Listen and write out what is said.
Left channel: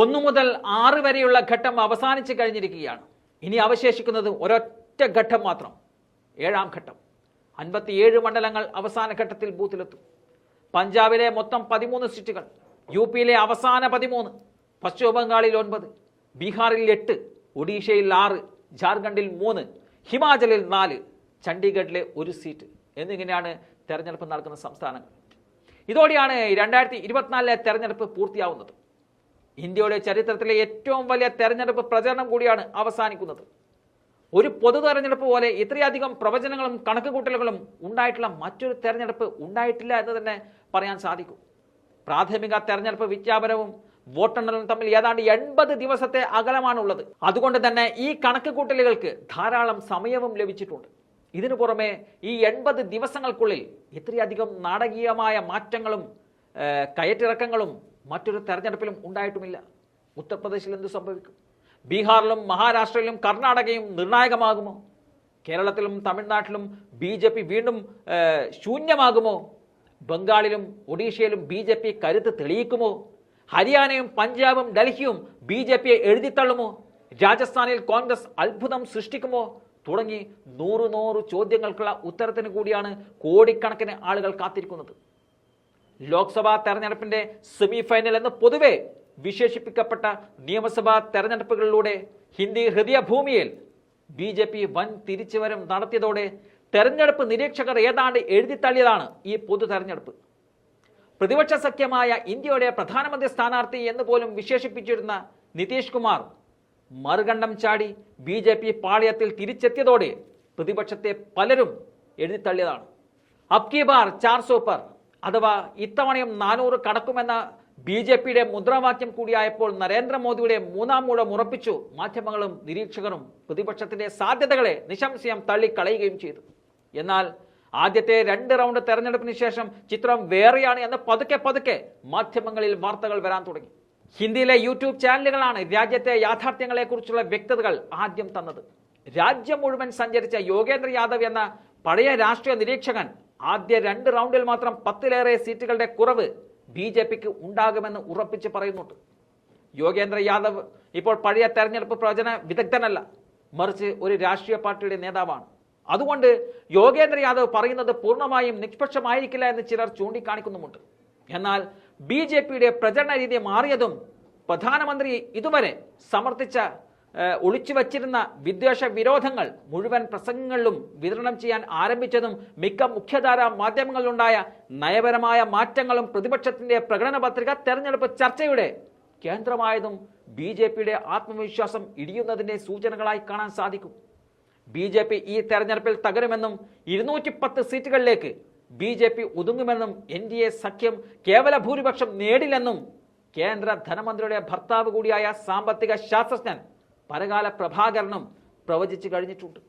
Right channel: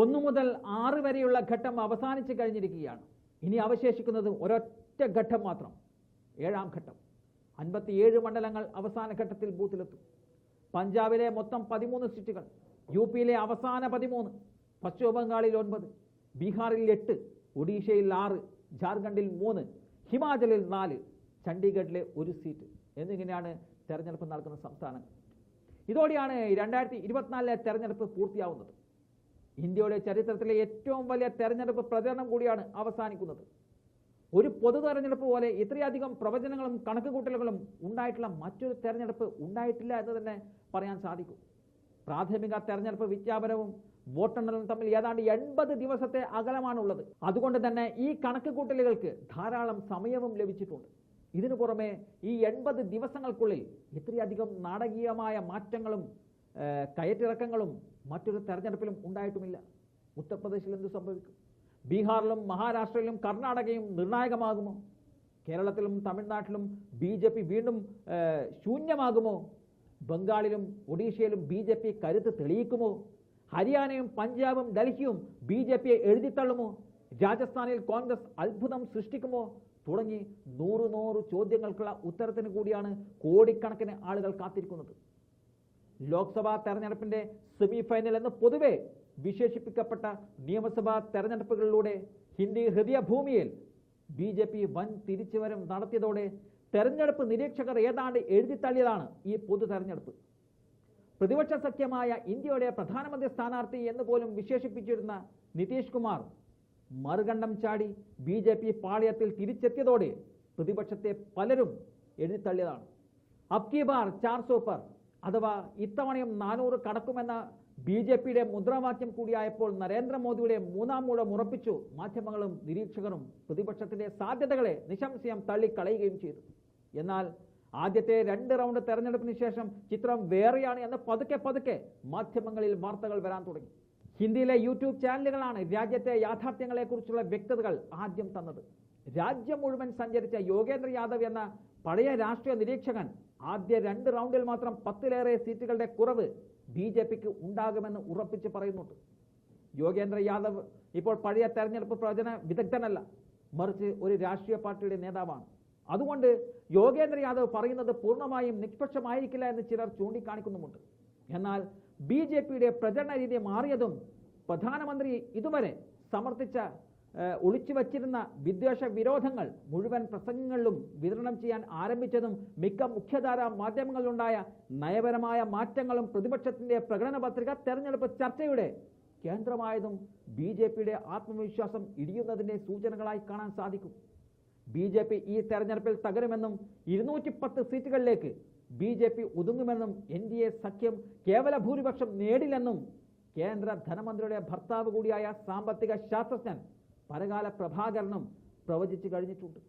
1 മുതൽ 6 വരെയുള്ള ഘട്ടം അവസാനിച്ചു കഴിഞ്ഞിരിക്കുകയാണ്. ഇനി അവശേഷിക്കുന്നത് ഒരൊറ്റ ഘട്ടം മാത്രം, 7ാം ഘട്ടം. 57 മണ്ഡലങ്ങൾ അവസാന ഘട്ടത്തിൽ ബൂത്തിലെത്തും. പഞ്ചാബിലെ മൊത്തം 13 സീറ്റുകൾ, യുപിയിലെ അവസാന 13, പശ്ചിമ ബംഗാളിൽ 9, ബീഹാറിൽ 8, ഒഡീഷയിൽ 6, ജാർഖണ്ഡിൽ 3, ഹിമാചലിൽ 4, ചണ്ഡീഗഡിലെ 1 സീറ്റ് എന്നിങ്ങനെയാണ് തെരഞ്ഞെടുപ്പ് നടക്കുന്ന സംസ്ഥാനങ്ങൾ. ഇതോടെയാണ് 2024 തെരഞ്ഞെടുപ്പ് പൂർത്തിയാവുന്നത്. ഇന്ത്യയുടെ ചരിത്രത്തിലെ ഏറ്റവും വലിയ തെരഞ്ഞെടുപ്പ് പ്രചരണം കൂടിയാണ് അവസാനിക്കുന്നത്. ഒരു പൊതു തെരഞ്ഞെടുപ്പ് പോലെ ഇത്രയധികം പ്രവചനങ്ങളും കണക്കുകൂട്ടലുകളും ഉണ്ടായിട്ടുള്ള മറ്റൊരു തെരഞ്ഞെടുപ്പ് ഉണ്ടായിട്ടില്ല എന്ന് തന്നെ പറയാൻ സാധിക്കും. പ്രാഥമിക തെരഞ്ഞെടുപ്പ് വിജ്ഞാപനവും വോട്ടെണ്ണലും തമ്മിൽ ഏതാണ്ട് 80 ദിവസത്തെ അകലമാണുള്ളത്. അതുകൊണ്ട് തന്നെ ഈ കണക്കുകൂട്ടലുകൾക്ക് ധാരാളം സമയവും ലഭിച്ചിട്ടുണ്ട്. ഇതിനു പുറമെ ഈ 80 ദിവസങ്ങൾക്കുള്ളിൽ ഇത്രയധികം നാടകീയമായ മാറ്റങ്ങളും കയറ്റിറക്കങ്ങളും മറ്റൊരു തെരഞ്ഞെടുപ്പിലും ഉണ്ടായിട്ടുമില്ല. ഉത്തർപ്രദേശിൽ എന്ത് സംഭവിക്കും? ബീഹാറിലും മഹാരാഷ്ട്രയിലും കർണാടകയും നിർണായകമാകുമോ? കേരളത്തിലും തമിഴ്നാട്ടിലും BJP വീണ്ടും ശൂന്യമാകുമോ? ബംഗാളിലും ഒഡീഷയിലും BJP കരുത്ത് തെളിയിക്കുമോ? ഹരിയാനയും പഞ്ചാബും ഡൽഹിയും BJPയെ എഴുതിത്തള്ളുമോ? രാജസ്ഥാനിൽ കോൺഗ്രസ് അത്ഭുതം സൃഷ്ടിക്കുമോ? തുടങ്ങി 100 ചോദ്യങ്ങൾക്കുള്ള ഉത്തരത്തിന് കൂടിയാണ് കോടിക്കണക്കിന് ആളുകൾ കാത്തിരിക്കുന്നത്. ലോക്സഭാ തെരഞ്ഞെടുപ്പിന്റെ സെമി ഫൈനൽ എന്ന് പൊതുവെ വിശേഷിപ്പിക്കപ്പെട്ട നിയമസഭാ തെരഞ്ഞെടുപ്പുകളിലൂടെ ഹിന്ദി ഹൃദയഭൂമിയിൽ BJP വൻ തിരിച്ചുവരവ് നടത്തിയതോടെ തെരഞ്ഞെടുപ്പ് നിരീക്ഷകർ ഏതാണ്ട് എഴുതിത്തള്ളിയതാണ് ഈ പൊതു തെരഞ്ഞെടുപ്പ്. പ്രതിപക്ഷ സഖ്യമായ ഇന്ത്യയുടെ പ്രധാനമന്ത്രി സ്ഥാനാർത്ഥി എന്ന് പോലും വിശേഷിപ്പിച്ചിരുന്ന നിതീഷ് കുമാർ മറുകണ്ഠം ചാടി BJP പാളയത്തിൽ തിരിച്ചെത്തിയതോടെ പ്രതിപക്ഷത്തെ പലരും എഴുതിത്തള്ളിയതാണ്. അബ് കി ബാർ 400 പർ, അഥവാ ഇത്തവണയും 400 കടക്കുമെന്ന BJPയുടെ മുദ്രാവാക്യം കൂടിയായപ്പോൾ നരേന്ദ്രമോദിയുടെ 3ാം ഊഴം ഉറപ്പിച്ചു മാധ്യമങ്ങളും നിരീക്ഷകരും പ്രതിപക്ഷത്തിന്റെ സാധ്യതകളെ നിശംശയം തള്ളിക്കളയുകയും ചെയ്തു. എന്നാൽ ആദ്യത്തെ 2 റൗണ്ട് തെരഞ്ഞെടുപ്പിന് ശേഷം ചിത്രം വേറെയാണ് എന്ന് പതുക്കെ മാധ്യമങ്ങളിൽ വാർത്തകൾ വരാൻ തുടങ്ങി. ഹിന്ദിയിലെ യൂട്യൂബ് ചാനലുകളാണ് രാജ്യത്തെ യാഥാർത്ഥ്യങ്ങളെക്കുറിച്ചുള്ള വ്യക്തതകൾ ആദ്യം തന്നത്. രാജ്യം മുഴുവൻ സഞ്ചരിച്ച യോഗേന്ദ്ര യാദവ് എന്ന പഴയ രാഷ്ട്രീയ നിരീക്ഷകൻ ആദ്യ 2 റൗണ്ടിൽ മാത്രം 10ലേറെ സീറ്റുകളുടെ കുറവ് BJPക്ക് ഉണ്ടാകുമെന്ന് ഉറപ്പിച്ച് പറയുന്നുണ്ട്. യോഗേന്ദ്ര യാദവ് ഇപ്പോൾ പഴയ തെരഞ്ഞെടുപ്പ് പ്രവചന വിദഗ്ധനല്ല, മറിച്ച് ഒരു രാഷ്ട്രീയ പാർട്ടിയുടെ നേതാവാണ്. അതുകൊണ്ട് യോഗേന്ദ്ര യാദവ് പറയുന്നത് പൂർണ്ണമായും നിഷ്പക്ഷമായിരിക്കില്ല എന്ന് ചിലർ ചൂണ്ടിക്കാണിക്കുന്നുമുണ്ട്. എന്നാൽ BJPയുടെ പ്രചരണ രീതി മാറിയതും പ്രധാനമന്ത്രി ഇതുവരെ സമർത്ഥിച്ച ഒളിച്ചു വച്ചിരുന്ന വിദ്വേഷ വിരോധങ്ങൾ മുഴുവൻ പ്രസംഗങ്ങളിലും വിതരണം ചെയ്യാൻ ആരംഭിച്ചതും മിക്ക മുഖ്യധാരാ മാധ്യമങ്ങളിലുണ്ടായ നയപരമായ മാറ്റങ്ങളും പ്രതിപക്ഷത്തിന്റെ പ്രകടന പത്രിക തെരഞ്ഞെടുപ്പ് ചർച്ചയുടെ കേന്ദ്രമായതും BJPയുടെ ആത്മവിശ്വാസം ഇടിയുന്നതിന്റെ സൂചനകളായി കാണാൻ സാധിക്കും. BJP ഈ തെരഞ്ഞെടുപ്പിൽ തകരുമെന്നും 210 സീറ്റുകളിലേക്ക് BJP ഒതുങ്ങുമെന്നും NDA സഖ്യം കേവല ഭൂരിപക്ഷം നേടില്ലെന്നും കേന്ദ്ര ധനമന്ത്രിയുടെ ഭർത്താവ് കൂടിയായ സാമ്പത്തിക ശാസ്ത്രജ്ഞൻ പരകാല പ്രഭാകരനും പ്രവചിച്ചു കഴിഞ്ഞിട്ടുണ്ട്.